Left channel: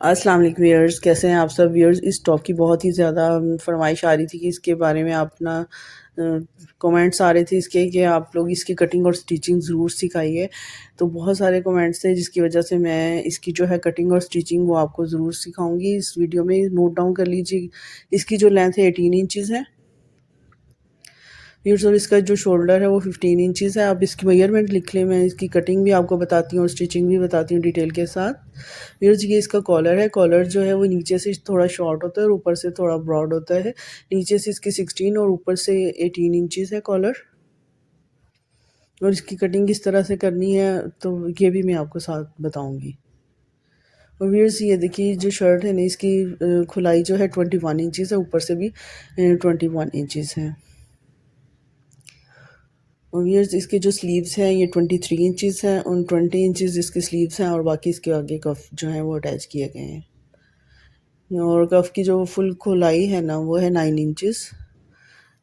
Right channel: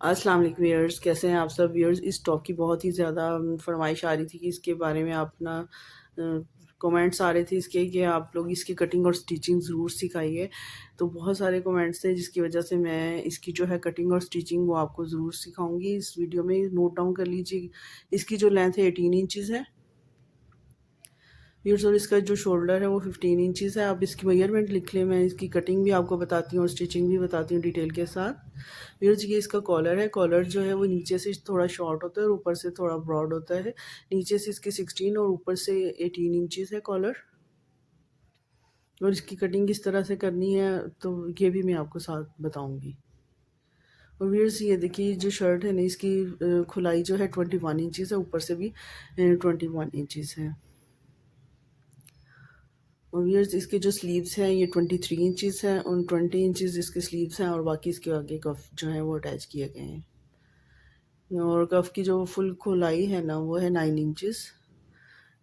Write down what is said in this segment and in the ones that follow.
अस्सलाम वालेकुम व्यूअर्स, कैसे हैं आप सब व्यूअर्स। इस टॉप की बहुत ही ज़्यादा फरमाइश आ रही थी कि इसके बारे में अपना कमेंट्स आ रहे थे इसके कि आप लोग इसकी कटिंग और स्टिचिंग ज़रूर सिखाइए। तो बहुत सारे कमेंट्स थे जिसकी वजह से मैं इसकी जो है कटिंग और स्टिचिंग वो आपको ज़रूर सिखाऊंगी इस वीडियो में। नोट डाउन कर लीजिए, इसकी जो लेंथ है 18 इंचज़ है व्यूअर्स, और इसका जो शोल्डर है वो 15 इंचज़ है। आप इसकी मेजरमेंट लिख लें, मैं इसकी कटिंग भी आपको बताती हूँ और स्टिचिंग भी बताती हूँ डिटेल के साथ। व्यूअर्स, ये इसका कॉलर है। कॉलर जो है वो नीचे से थोड़ा शॉर्ट होता है और ऊपर से थोड़ा ब्रॉड होता है। नीचे से इसकी 16 और ऊपर से 18 इंचज़ है कॉलर। और इसकी कटिंग किस तरह से करनी है तो ये भी मैं आपको साथ बताऊँगी। और व्यूअर्स, ये देखिए जो शर्ट है ना, इसकी खुलाई जो है 21 इंचज़ है, ऊपर से भी 21 इंचज़ है। और ये इसके जो स्लीव्स हैं ये 23 इंचज़ हैं और 20 इंचज़ इसके स्लीव्स हैं और बाकी इसके आगे कफ जो है वो अटैच किए गए हैं। और कफ की जो फुल खुलाई है ना वो है 9 इंचज़,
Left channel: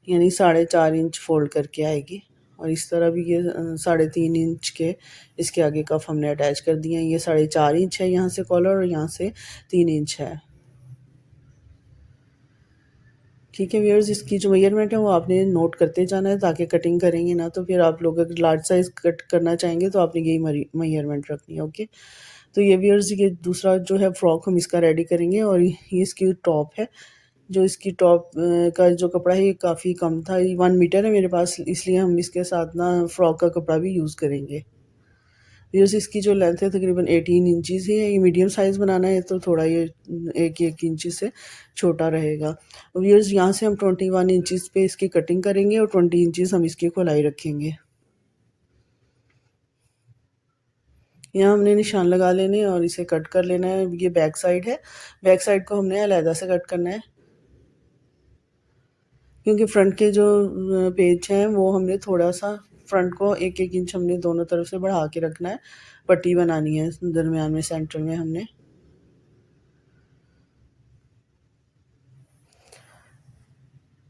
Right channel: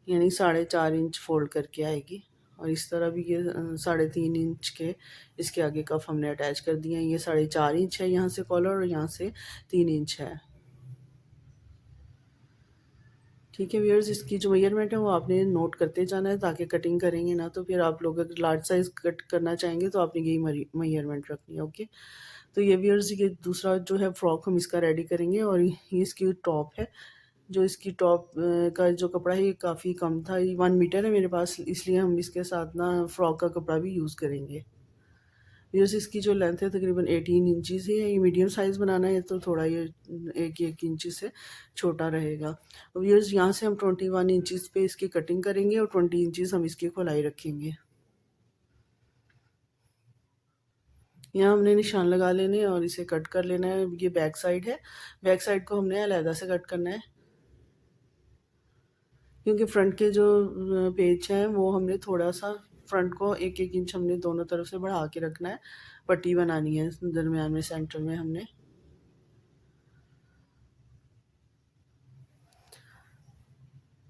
यानी 4.5 इंच फोल्ड करके आएगी। और इस तरह भी ये 3.5 इंच के इसके आगे कफ हमने अटैच कर दिए हैं। ये 4.5 इंच है यहाँ से कॉलर और यहाँ से 3 इंच है। ठीक है व्यूअर्स, इसकी जो मेजरमेंट है वो आपने नोट करते जाना है ताकि कटिंग करेंगे ना तो फिर आप लोग अगर लार्ज साइज़ कट करना चाहेंगे तो आपने यही मेजरमेंट रखनी है। ओके, तो ये व्यूअर्स, ये दूसरा जो है फ्रॉक हम इसका रेडी करेंगे। और ये इसकी टॉप है। जो इसकी टॉप का जो कपड़ा है ये काफ़ी कम था, ये 1 मीटर है मेरे पास, इसलिए हम इसके साथ ना फ्रॉक का कपड़ा भी यूज़ करेंगे। व्यूअर्स, इसकी जो लेंथ है तकरीबन 18 इंचज़ ही है। ये मीडियम साइज़ बनाना है तो थोड़ा ये 1 इंच से छोटा रहेगा। व्यूअर्स, यहाँ से हम 21 इंचज़ पे इसकी कटिंग करेंगे और 20 इंचज़ हम इसकी गोलाई रखेंगे। यहाँ हमने निशान लगा लेने और इसे कट कर लेना है। ये बैक साइड है, बैक साइड को हमने अलहदा से कट करना है क्योंकि फ्रंट के जो पेज हैं वो हमने थोड़ा सा फ्रंट को 1-1 इंच हमने दोनों तरफ से बढ़ा के रखना है। पट्टी बनानी है दरमियान में, सेंटर में हमने।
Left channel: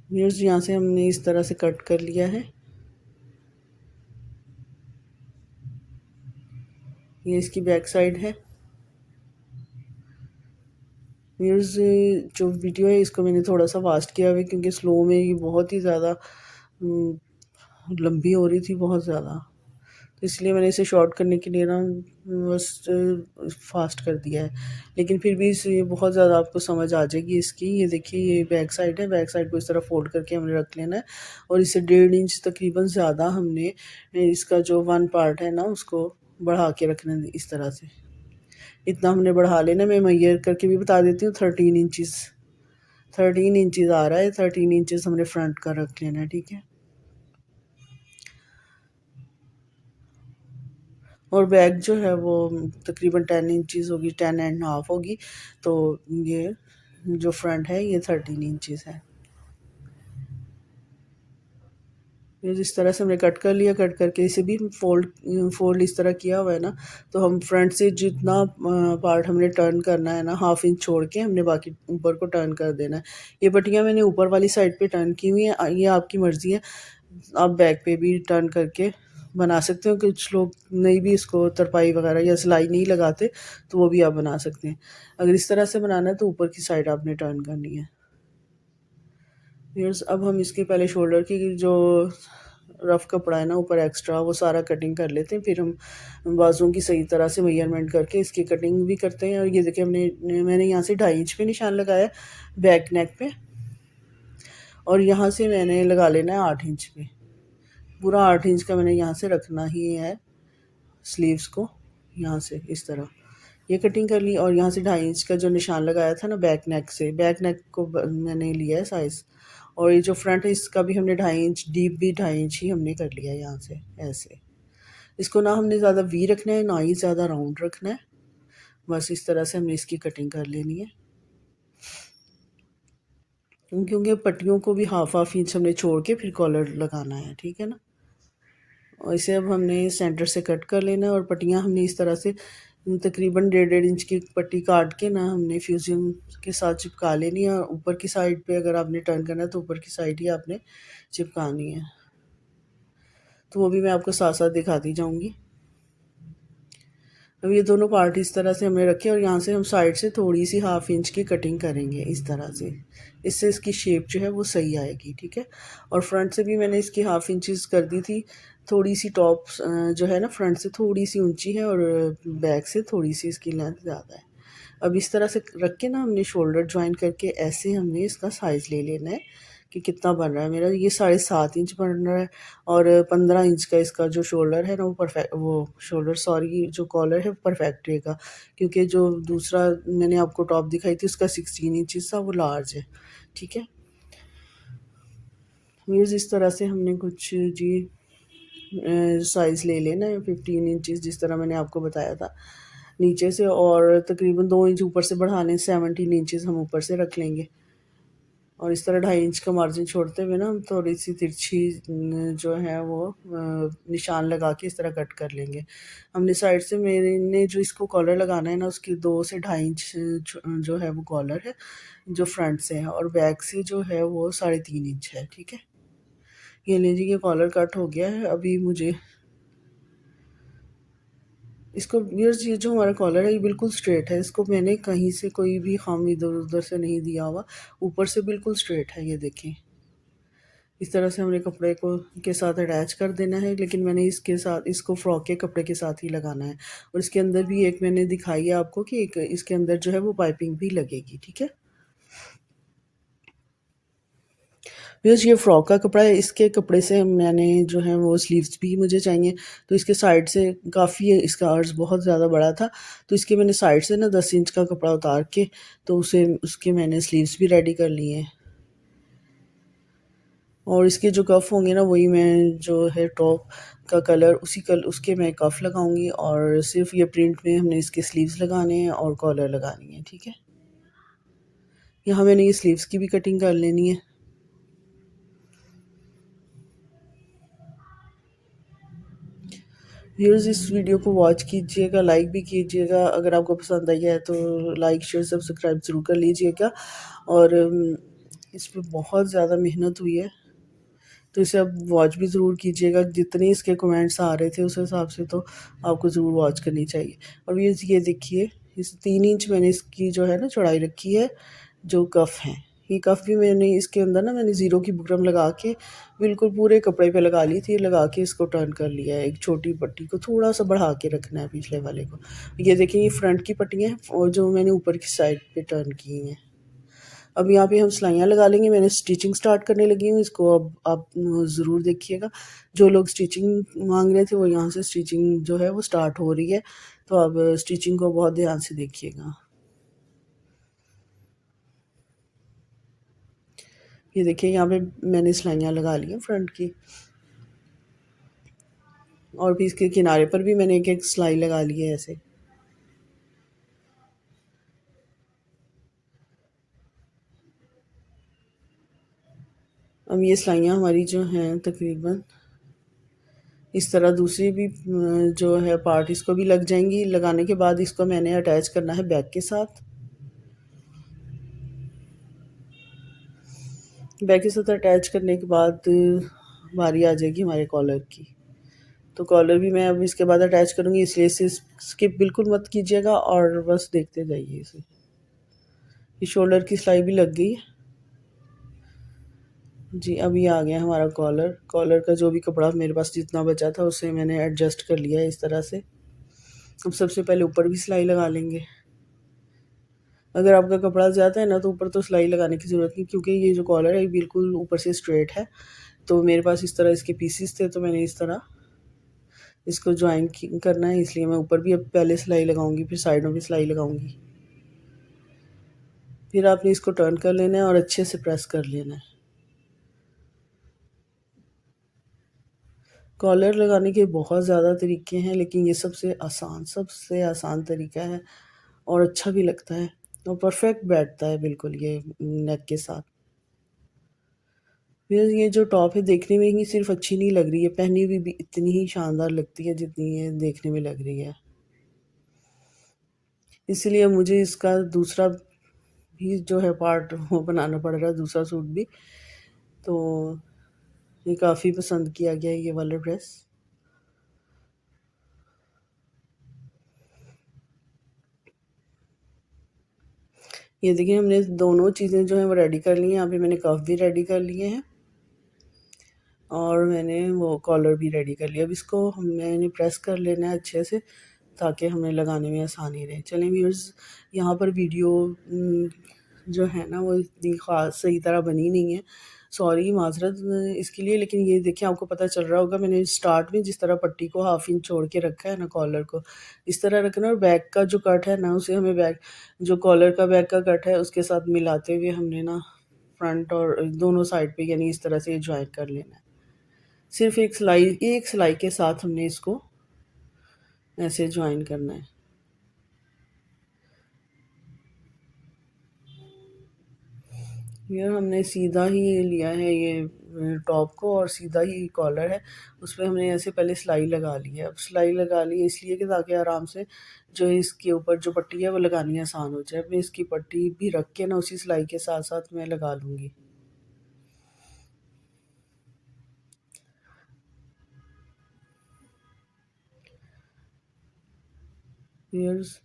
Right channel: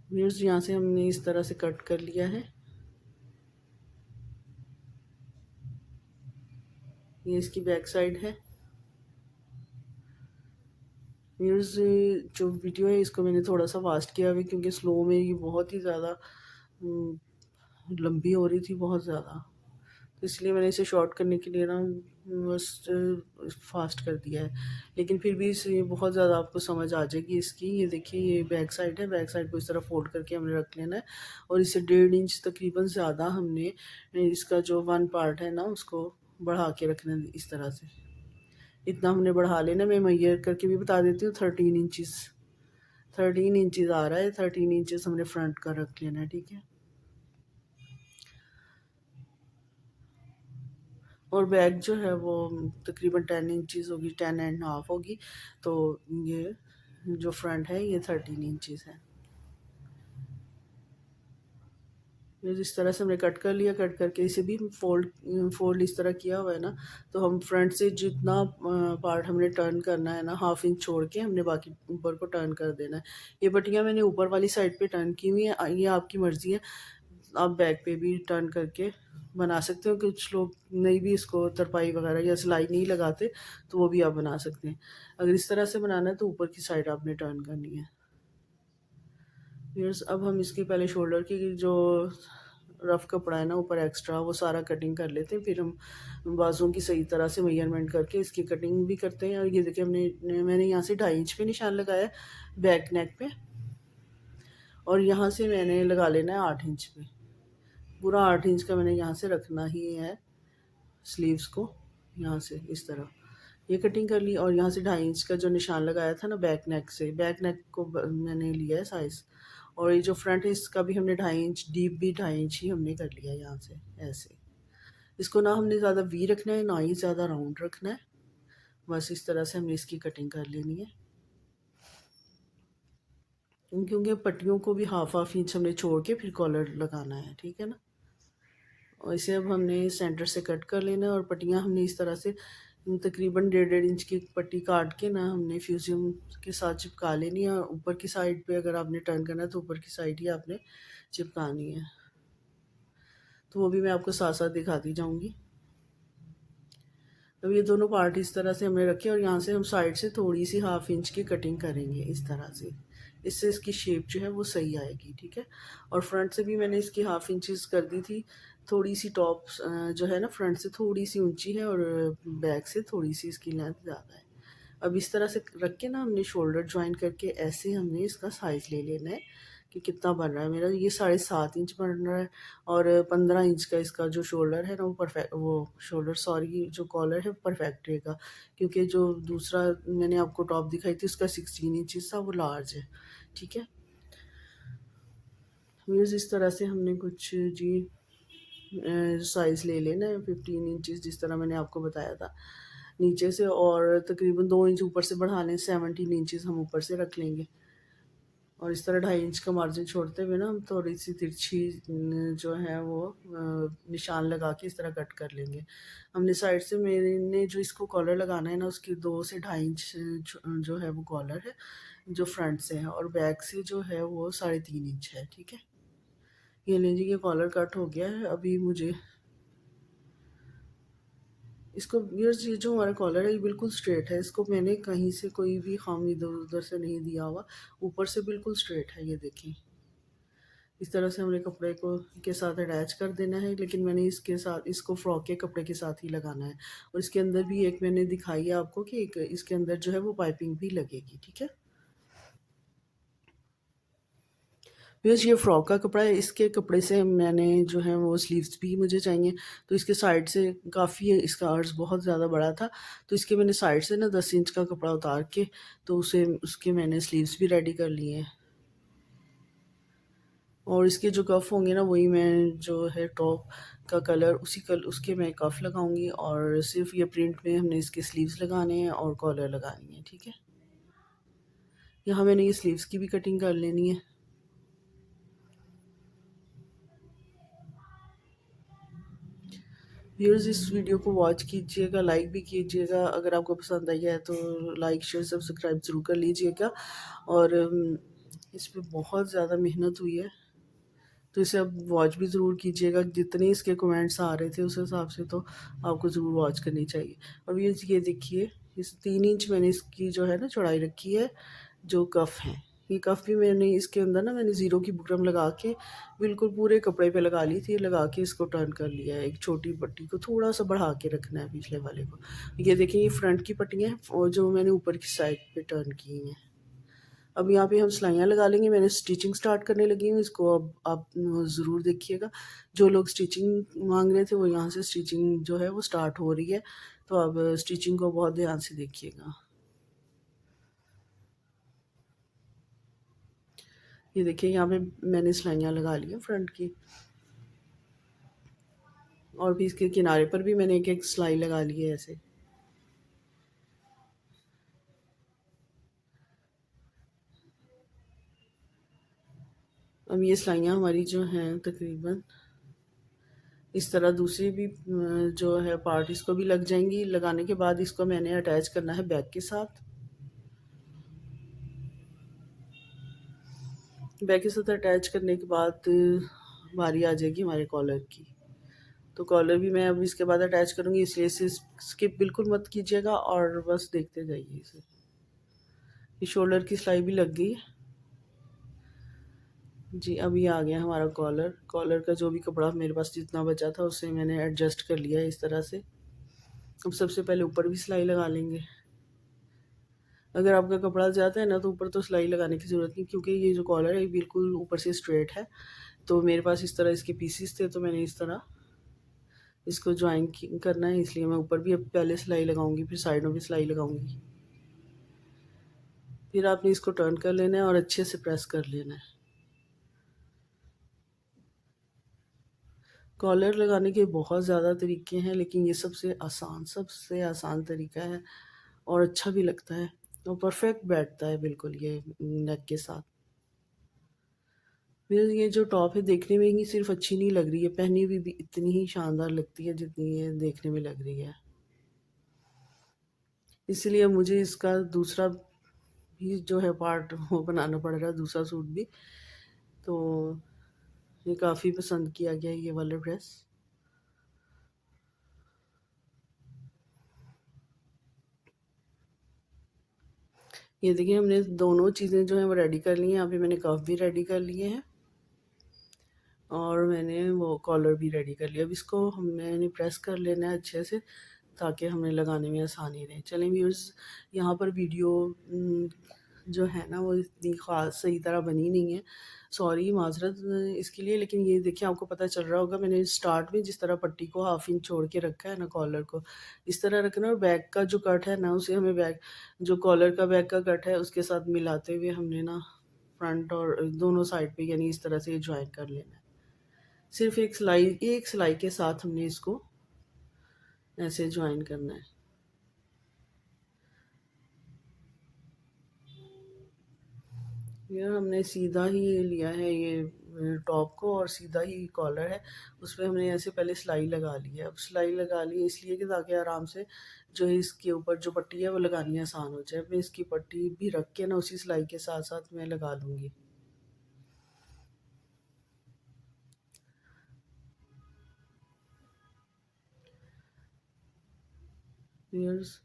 व्यूअर्स, यहाँ से हमने इस तरह से कट कर लिया है। ये इसकी बैक साइड है। व्यूअर्स, जो वीडियो है इसको मैंने थोड़ा सा फास्ट किया हुआ है क्योंकि स्लो में ये बहुत ही ज़्यादा लंबी हो रही थी, बहुत ज़्यादा, तो इसलिए मैंने इसे शॉर्ट करने के लिए ना बस फास्ट कर दिया है। लेकिन फिर भी इसे बहुत ज़्यादा आपको समझ आ जाएगी इसकी। ये देखिए, ये बैक साइड है, बैक साइड को इस तरह फोल्ड करके हमने रख लेना है और इसे 1.5 इंच तकरीबन ज़्यादा हमने इसका जो 1 पार्ट है ना उसको बढ़ा के रखना है इस तरह से। इतना हमने बढ़ा लेना। मैं मेजर करके भी बता देती हूँ, 13 इंचज़ आ रहा है। 13 इंचज़ हमने फ्रंट का रख लेना है, ठीक है। और बैक जो है वो तकरीबन 10 इंचज़ होगी, 10.5 होगी। तो ये जो फ्रंट है ये 13 इंचज़ है। ये इस तरह से हमने कट कर लिया। कट करके इसे भी फोल्ड फोल्ड इस तरह किया हुआ है ना, तो हम फ्रंट से जितना पार्ट हमने टर्न करना है ना, 1/2 इंच छोड़ के हमने बाकी ऊपर को टर्न कर देना है। ये पट्टियाँ मैंने ऊपर वाली साइड पे टर्न की हुई हैं, ये आपकी मर्ज़ी है, आप बैक पे भी टर्न करके बना सकते हो। कुछ लोग नहीं भी इसको तरपाई वगैरह या सिलाई नहीं लगाते तो वो भी आप बना सकते हैं। अगर इस तरह से बनाना है तो ऊपर की साइड आपने टर्न करनी है। व्यूअर्स, अब हम इसके पहले शोल्डर की जो रफ़ कपड़ा है ना ऊपर एक्स्ट्रा, वो सारा कटिंग कर लेते हैं, फिर हम बाजुओं की सही तरह से मेजरमेंट करके इसकी कटिंग भी करते हैं। और ये देखिए, मैंने यहाँ से 2.5 इंच पे निशान लगाया बैक नेक पे, और यहाँ से मैंने लगा लेना है 8 इंच पे। पूरा 8 इंच का मैंने यहाँ से रखना ही है स्लीव्स को। यहाँ से इस तरह ये कटिंग कर ली और यहाँ से 2.5 इंच का जो निशान लगाया था ना बैक नेक से, बैक नेक को मैंने लिया है साइज़। और ये जो फ्रंट है इसका भी हमने 2.5 इंच, डीप भी 2.5 इंच ही हमने कर लिया है यहाँ से ऐसे। इसको ना हमने ज़्यादा वी रखना है ना ही ज़्यादा राउंड रखना है, बस इस तरह से हमने इसकी कटिंग कर लेनी है। क्योंकि पट्टियों को भी 1/2 इंच हमने छोड़ के फिर कॉलर लगाना है, ठीक है ना। और इसे अब हमने सेंटर से कट कर लेना है और पट्टियाँ हमने इस तरह से तकरीबन 1.5 इंच की पट्टी काट के ना हमने फ्यूजियम के साथ चिपका लेनी है। और ऊपर की साइड पे अगर आपने टर्न करना है तो ऊपर की साइड ही आपने चिपकानी है, तो वो भी मैं आपको साथ साथ दिखाती जाऊंगी। अब ये दोनों पार्ट इस तरह से हमने रखे और यहाँ से हम साइड से थोड़ी सी 1/2 इंच की कटिंग करेंगे इस तरह से। इससे इसकी शेप जो है वो सही आएगी, ठीक है। और फ्रंट से भी मैंने इसकी 1/2 इंचेस कर दी थी। थोड़ी सी टॉप जो है ना फ्रंट से थोड़ी सी ऊंची है और बैक से थोड़ी सी इसकी लेंथ ज़्यादा है। अब इस तरह से रख के ना हमने शोल्डर ज्वाइन करके ऐसे हमने इसका साइज़ ले लेना है कि कितना बन रहा है। मेरा ये 7.5 इंच बन रहा है और 15 इंच का इसका जो शोल्डर है ना वो शोल्डर सॉरी जो कॉलर है परफेक्ट रहेगा, क्योंकि जो दूसरा मैंने आपको टॉप दिखाई थी उसका 16 इंचज़ था, वो लार्ज है, ठीक है। व्यूअर्स इस तरह से हमने कुछ जी साइज़ ले लेना है 15 इंचज़ जिस तरह मैंने आपको बताया था नीचे से, और तकरीबन 2 इंच ऊपर से बढ़ा लें, 17 इंचज़ हम ऊपर से रख लेंगे। और इस तरह 2.5 इंच का मार्जिन छोड़ते हुए ना हम थोड़ी सी तिरछी जो है वो निशान लगा के इस तरह कट कर लेंगे। हमने साइड से मेरे ने जो इसको कॉलर लगाना है ना उसकी 2 से 2.5 इंच जो है वो कॉलर है जो फ्रंट से है, और बैक से जो है वो 3.5 इंच है, ठीक है। ये लीजिए ये कॉलर कट हो गया है। अभी मुझे इसको व्यूअर्स ये जो हमारा कॉलर है ये बिल्कुल स्ट्रेट है, इसको मैंने कहीं से कोई भी खामी इधर उधर से नहीं दिया हुआ, ऊपर से बिल्कुल स्ट्रेट है। ये देखें इस तरह से हमने कपड़े को के साथ अटैच कर देना है, लेकिन मैंने इसके साथ इसको फ्रॉक के कपड़े के साथ ही लगाना है। और इसके अंदर भी एक मैंने दिखाई है आपको कि एक इसके अंदर जो है वो पाइपिंग भी लगेगी, ठीक है। बिकॉज़ ये फ्रॉक का कपड़ा है, इसके कपड़े से मैंने जो है वो स्लीव्स भी मुझे चाहिए, तो इसके साइड से काफ़ी इसका अर्ज़ बहुत ज़्यादा बड़ा था, तो इसके मैंने साइड से ना 10 इंच का कपड़ा उतार के तो उसे उसके मैंने स्लीव्स भी रेडी कर लिए हैं। और इसके जो कफ़ होंगे ना वही मैं जो है टॉप का कलर उसके मैं कफ़ लगाऊंगी, और सिर्फ ये प्रिंट में हमने इसके स्लीव्स लगाने हैं और कॉलर लगानी है, ठीक है। यहाँ मैंने ये स्लीव्स की भी कटिंग कर लेनी है। व्यूअर्स इस वीडियो को वॉच कीजिएगा, लाइक भी कीजिएगा, अगर आपको पसंद आई है तो लाइक शेयर सब्सक्राइब ज़रूर कर लीजिएगा। और इस पर बहुत ज़्यादा मेहनत हुई है, तो इसे अब वॉच भी ज़रूर कीजिएगा। जितने इसके कमेंट्स आ रहे थे उस हिसाब से तो आपको ज़रूर वॉच करनी चाहिए। और ये देखिए इस 3 इंच मैंने इसकी जो है ना चौड़ाई रखी है, जो कफ़ है ये कफ़ भी मैंने इसके अंदर ना मैंने ज़ीरो की बुकरम लगा के बिल्कुल पूरे कपड़े पे लगा ली थी, लगा के इसको टर्न कर लिया है। एक छोटी पट्टी को थोड़ा सा बढ़ा के रखना है पिछले वाले को। ये देखिए ये फ्रंट की पट्टियाँ हैं और जो मैंने ऊपर की साइड पे टर्न की हैं। अब यहाँ पे हम सिलाइयाँ लगा लेंगे। मैंने स्टिचिंग स्टार्ट करने लगी हूँ इसको, अब आप ज़रूर देखिएगा। जो लोग स्टिचिंग मांग रहे थे वो यहाँ से स्टिचिंग जो है वो स्टार्ट हो रही है, तो अब स्टिचिंग को बहुत ध्यान से देखिएगा। ये देखिए यहाँ पे मैंने सिलाइयाँ लगा ली हैं फ्रंट की, और भी इसके किनारे पर भी मैंने एक एक सिलाई लगा ली है ऐसे। अब ये सिलाइयाँ हमारी जो हैं तकरीबन इस तरह दूसरी भी जो है पार्ट इसको भी लग जाएंगी। लगाने के बाद इसको मैंने अटैच करना है बैक के साथ। बैक के साथ अटैच करने के बाद बारी आ जाएगी हमारे कॉलर की। तो कॉलर भी मैं अब इसके बाद अटैच करूँगी, इसलिए इसे स्किप बिल्कुल मत कीजिएगा और बस देखते जाइए इसे। ये शोल्डर की सिलाई भी लग गई है जी। अब ये आ गया हमारा कॉलर। कॉलर का जो भी कपड़ा मेरे पास जितना बचा था उसे मैंने एडजस्ट कर लिया है इस तरह से। अब सबसे पहले ऊपर भी सिलाई लगा लेंगे। अगर आपका कपड़ा ज़्यादा है ना तो ऊपर तो सिलाई लगाने की ज़रूरत नहीं, क्योंकि ये जो कॉलर है ये बिल्कुल ऊपर से स्ट्रेट है। तो मेरे पास इस तरह इसके पीसीस थे, तो मैंने इस तरह इसको ज्वाइन करना है, इसलिए मैं ऊपर भी अब पहले सिलाई लगाऊंगी, फिर साइडों पे सिलाई लगाऊंगी। फिर आपने इसको टर्न कर लेना है और अच्छे से प्रेस कर लेना है। कॉलर लगाने के बहुत ज़्यादा तरीके हैं, लेकिन ये सबसे आसान तरीका है और अच्छा भी लगता है और परफेक्ट बैठता है बिल्कुल ये नेक के साथ। फिर ये जो टॉप है देखने में ही सिर्फ अच्छी नहीं लग रही है, पहनी हुई भी इतनी ही शानदार लगती है जितनी ये देखने में लग रही है। इसलिए मुझे इसका दूसरा भी जो है पार्ट वो बनाना पड़ रहा है, दूसरा सूट भी। तो ये काफ़ी पसंद किया गया है ये वाला ड्रेस। ये देखिए हमने दोनों चीज़ें जो हैं वो रेडी कर ली हैं। यहाँ पे मैंने कफ भी रेडी कर लिए हैं और मैंने वो कॉलर भी रेडी कर लिया। अब इसको मैंने प्रेस कर लेना है अच्छे से ताकि हमें लगाने में आसानी रहे। चलें व्यूअर्स, यहाँ पर वीडियो जो है ना वो इतनी ख़ास सही तरह बनी नहीं है, सॉरी माज़रत इसके लिए। लेकिन ये देखिए आपको पता चल रहा होगा मैंने स्टार्ट में जिस तरह पट्टी को हाफ इंच छोड़ के रखा है ना, कॉलर को इस तरह रखना, और बैक का जो कट है ना उसे हमें बैक जो कॉलर का बैक का कट है उसके साथ मिलाते हुए हमने ना फ्रंट और दोनों साइड पे यानी इस तरह से ज्वाइन कर लेना है। सिर्फ एक सिलाई के साथ हमने इसको ऐसे ज्वाइन करना है। ये हमने सीधा ही लिया है ये टॉप को और सीधा ही कॉलर है, उसमें हमने ऐसे पहले सिलाई लगा ली है। अब सिलाई लगा ली है इसलिए कि ताकि आराम से जो है इसके ऊपर जो पट्टी है वो लगानी आसान हो जाए। मैं इसकी पट्टी भी रख के ना उसी सिलाई के साथ साथ मैं लगा लूँगी। व्यूअर्स,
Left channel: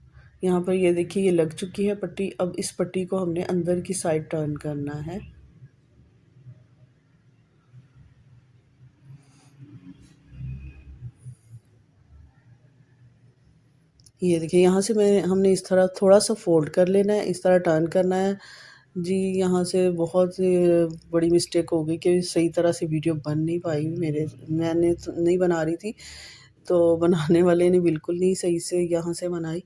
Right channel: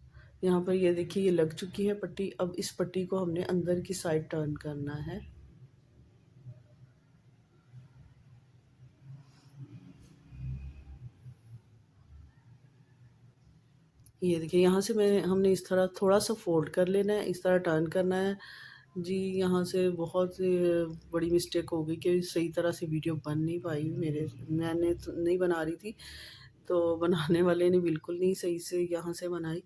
यहाँ पर ये देखिए ये लग चुकी है पट्टी। अब इस पट्टी को हमने अंदर की साइड टर्न करना है। ये देखिए यहाँ से मैं हमने इस तरह थोड़ा सा फोल्ड कर लेना है, इस तरह टर्न करना है। जी, यहाँ से बहुत बड़ी मिस्टेक हो गई कि सही तरह से वीडियो बन नहीं पाई मैंने तो नहीं बना रही थी, तो बनाने वाले ने बिल्कुल नहीं सही से यहाँ से बनाई।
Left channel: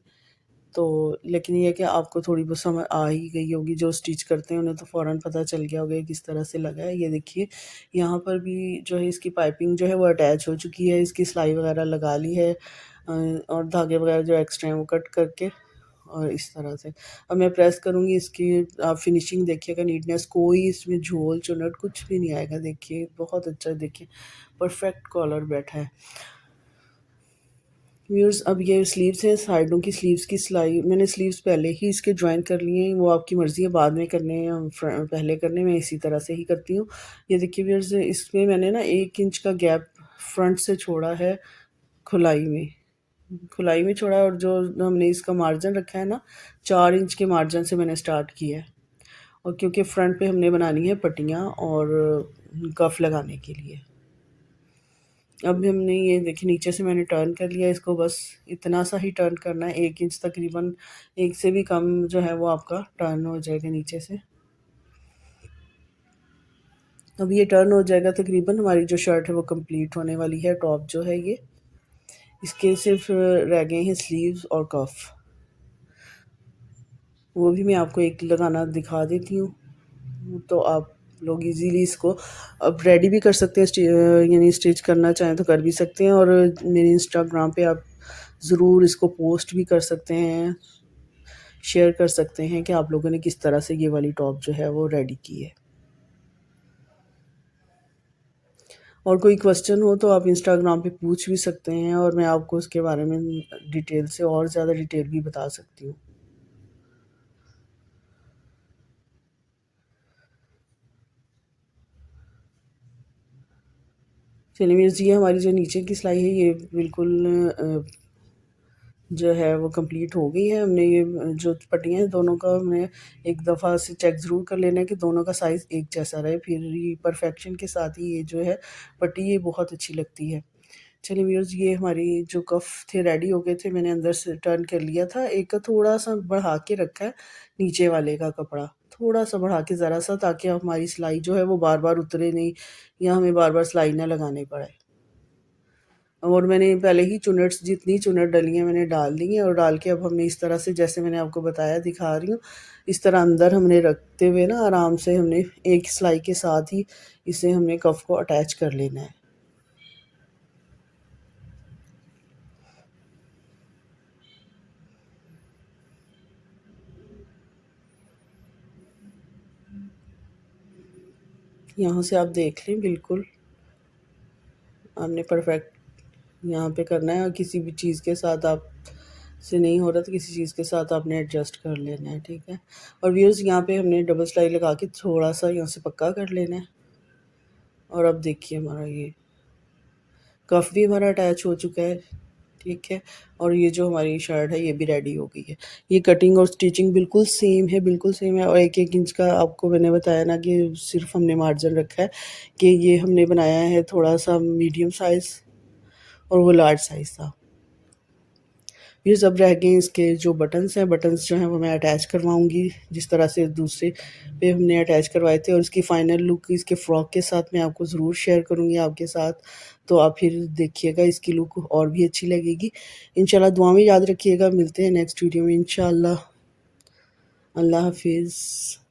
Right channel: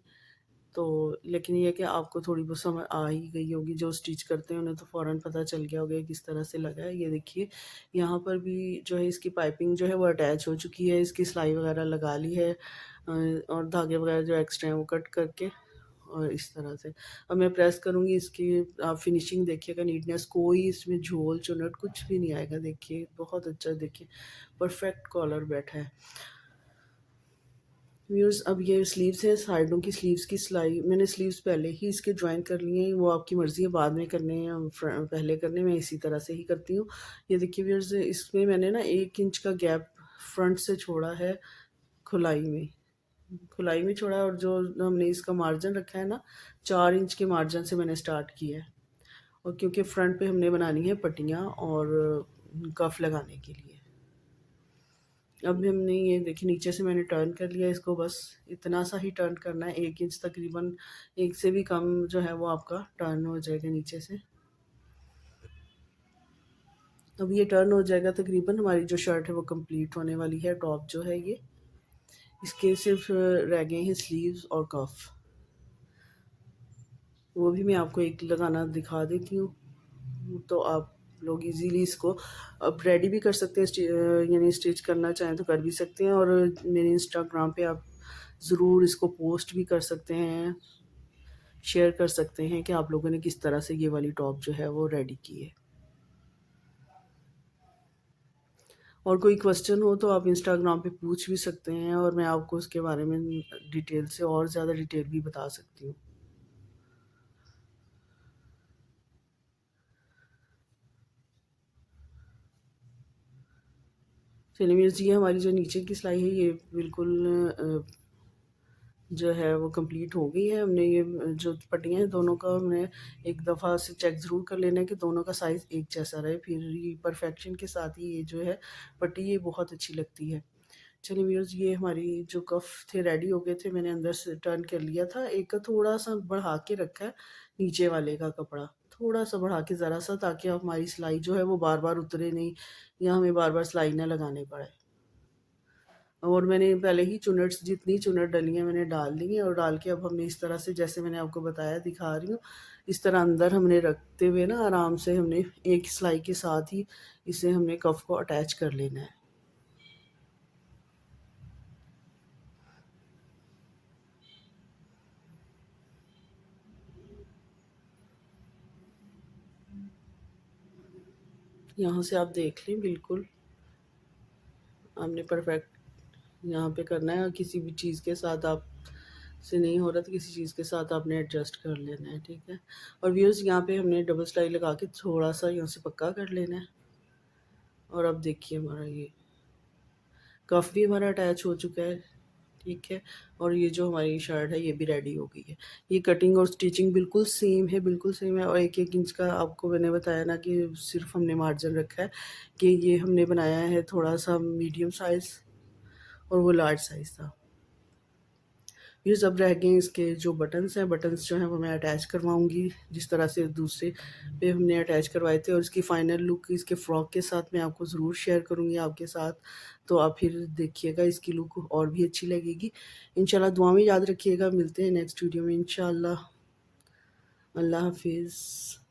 तो लेकिन ये है कि आपको थोड़ी बहुत समझ आ ही गई होगी, जो स्टिच करते हैं उन्हें तो फ़ौरन पता चल गया होगा किस तरह से लगा है। ये देखिए यहाँ पर भी जो है इसकी पाइपिंग जो है वो अटैच हो चुकी है, इसकी सिलाई वगैरह लगा ली है और धागे वगैरह जो एक्स्ट्रा हैं वो कट करके और इस तरह से। अब मैं प्रेस करूँगी इसकी, आप फिनिशिंग देखिएगा, नीटनेस, कोई इसमें झोल चुनट कुछ भी नहीं आएगा। देखिए बहुत अच्छा, देखिए परफेक्ट कॉलर बैठा है। व्यूअर्स, अब ये स्लीव्स हैं, साइडों की स्लीव्स की सिलाई मैंने स्लीव्स पहले ही इसके ज्वाइन कर लिए हैं, वो आपकी मर्ज़ी है बाद में करने हैं या पहले करने, मैं इसी तरह से ही करती हूँ। ये देखिए व्यूअर्स, इसमें मैंने ना 1 इंच का गैप फ्रंट से छोड़ा है, खुलाई में खुलाई में छोड़ा है, और जो हमने इसका मार्जिन रखा है ना 4 इंच के मार्जिन से मैंने स्टार्ट किया है। और क्योंकि फ्रंट पे हमने बनानी है पट्टियाँ और कफ लगाने के लिए। अब हमने ये देखिए नीचे से मैंने टर्न कर लिया इसको, बस इतना सा ही टर्न करना है, 1 इंच तकरीबन, 1 से भी कम जो है वो आपका टर्न हो जाएगा नीचे से। अब ये टर्न हो जाएगा तकरीबन, हमारी जो शर्ट है वो कंप्लीट होने वाली है। टॉप जो है ये, इसके सिर्फ रह गए हैं स्लीव्स और कफ, वो भी मैं आपको एक लगाना दिखा देती हूँ, तो आप लोग इजीली इसको अब रेडी भी कर सकते हैं, यानी स्टिच करना चाहें तो कर भी सकते हैं। और मेरे इंस्टाग्राम पे आप ज़रूर इसको पोस्ट भी कर सकते हैं, शेयर कर सकते हैं कि आप लोगों ने किस तरह से ये वाली टॉप जो है वो रेडी की है। और कोई क्वेश्चन हो तो आप इंस्टाग्राम पे पूछ भी सकते हैं और मैं आपको उसके बारे में डिटेल से और ज़्यादा डिटेल भी बता सकती हूँ। चलिए मीन्स ये हमारी जो नीचे की सिलाई है ये बिल्कुल जो है वो कंप्लीट हो गई है। हमने ये जो पट्टियाँ हैं दोनों का हमने एक दफ़ा से चेक ज़रूर कर लेना है कि दोनों का साइज़ एक जैसा रहे, फिर ये परफेक्शन के साथ ही ये जो है पट्टी ये बहुत अच्छी लगती है। चलिए व्यूअर्स, ये हमारी जो कफ थे रेडी हो गए थे, मैंने अंदर से टर्न कर लिया था, एक का थोड़ा सा बढ़ा के रखा है नीचे वाले का कपड़ा, थोड़ा सा बढ़ा के ज़रा सा, ताकि हमारी सिलाई जो है वो बार बार उतरे नहीं या हमें बार बार सिलाई ना लगानी पड़े। और मैंने पहले ही चुनट्स, जितनी चुनट डली हैं मैंने डाल दी हैं, और डाल के अब हमने इस तरह से जैसे मैंने आपको बताया दिखा रही हूँ, इस तरह अंदर हमने रखते हुए ना आराम से हमने एक सिलाई के साथ ही इसे हमने कफ को अटैच कर लेना है। यहाँ से आप देख लें, बिल्कुल आपने परफेक्ट यहाँ पे करना है, और किसी भी चीज़ के साथ आप से नहीं हो रहा तो किसी चीज़ के साथ आपने एडजस्ट कर लेना है, ठीक है। और व्यूअर्स, यहाँ पे हमने डबल सिलाई लगा के थोड़ा सा यहाँ से पक्का कर लेना है। और अब देखिए हमारा ये कफ भी हमारा अटैच हो चुका है, ठीक है। और ये जो हमारी शर्ट है ये भी रेडी हो गई है। ये कटिंग और स्टिचिंग बिल्कुल सेम है, बिल्कुल सेम है। और 1-1 इंच का आपको मैंने बताया ना कि सिर्फ़ हमने मार्जिन रखा है कि ये हमने बनाया है थोड़ा-सा मीडियम साइज़ और वो लार्ज साइज़ था। ये सब रह गए इसके जो बटन्स हैं, बटन्स जो हैं वो मैं अटैच करवाऊँगी, जिस तरह से दूसरे पे हमने अटैच करवाए थे। और इसकी फ़ाइनल लुक इसके फ्रॉक के साथ मैं आपको ज़रूर शेयर करूँगी आपके साथ, तो आप फिर देखिएगा इसकी लुक और भी अच्छी लगेगी। इंशाल्लाह दुआ में याद रखिएगा, मिलते हैं नेक्स्ट वीडियो में इंशाल्लाह। अल्लाह हाफ़िज़।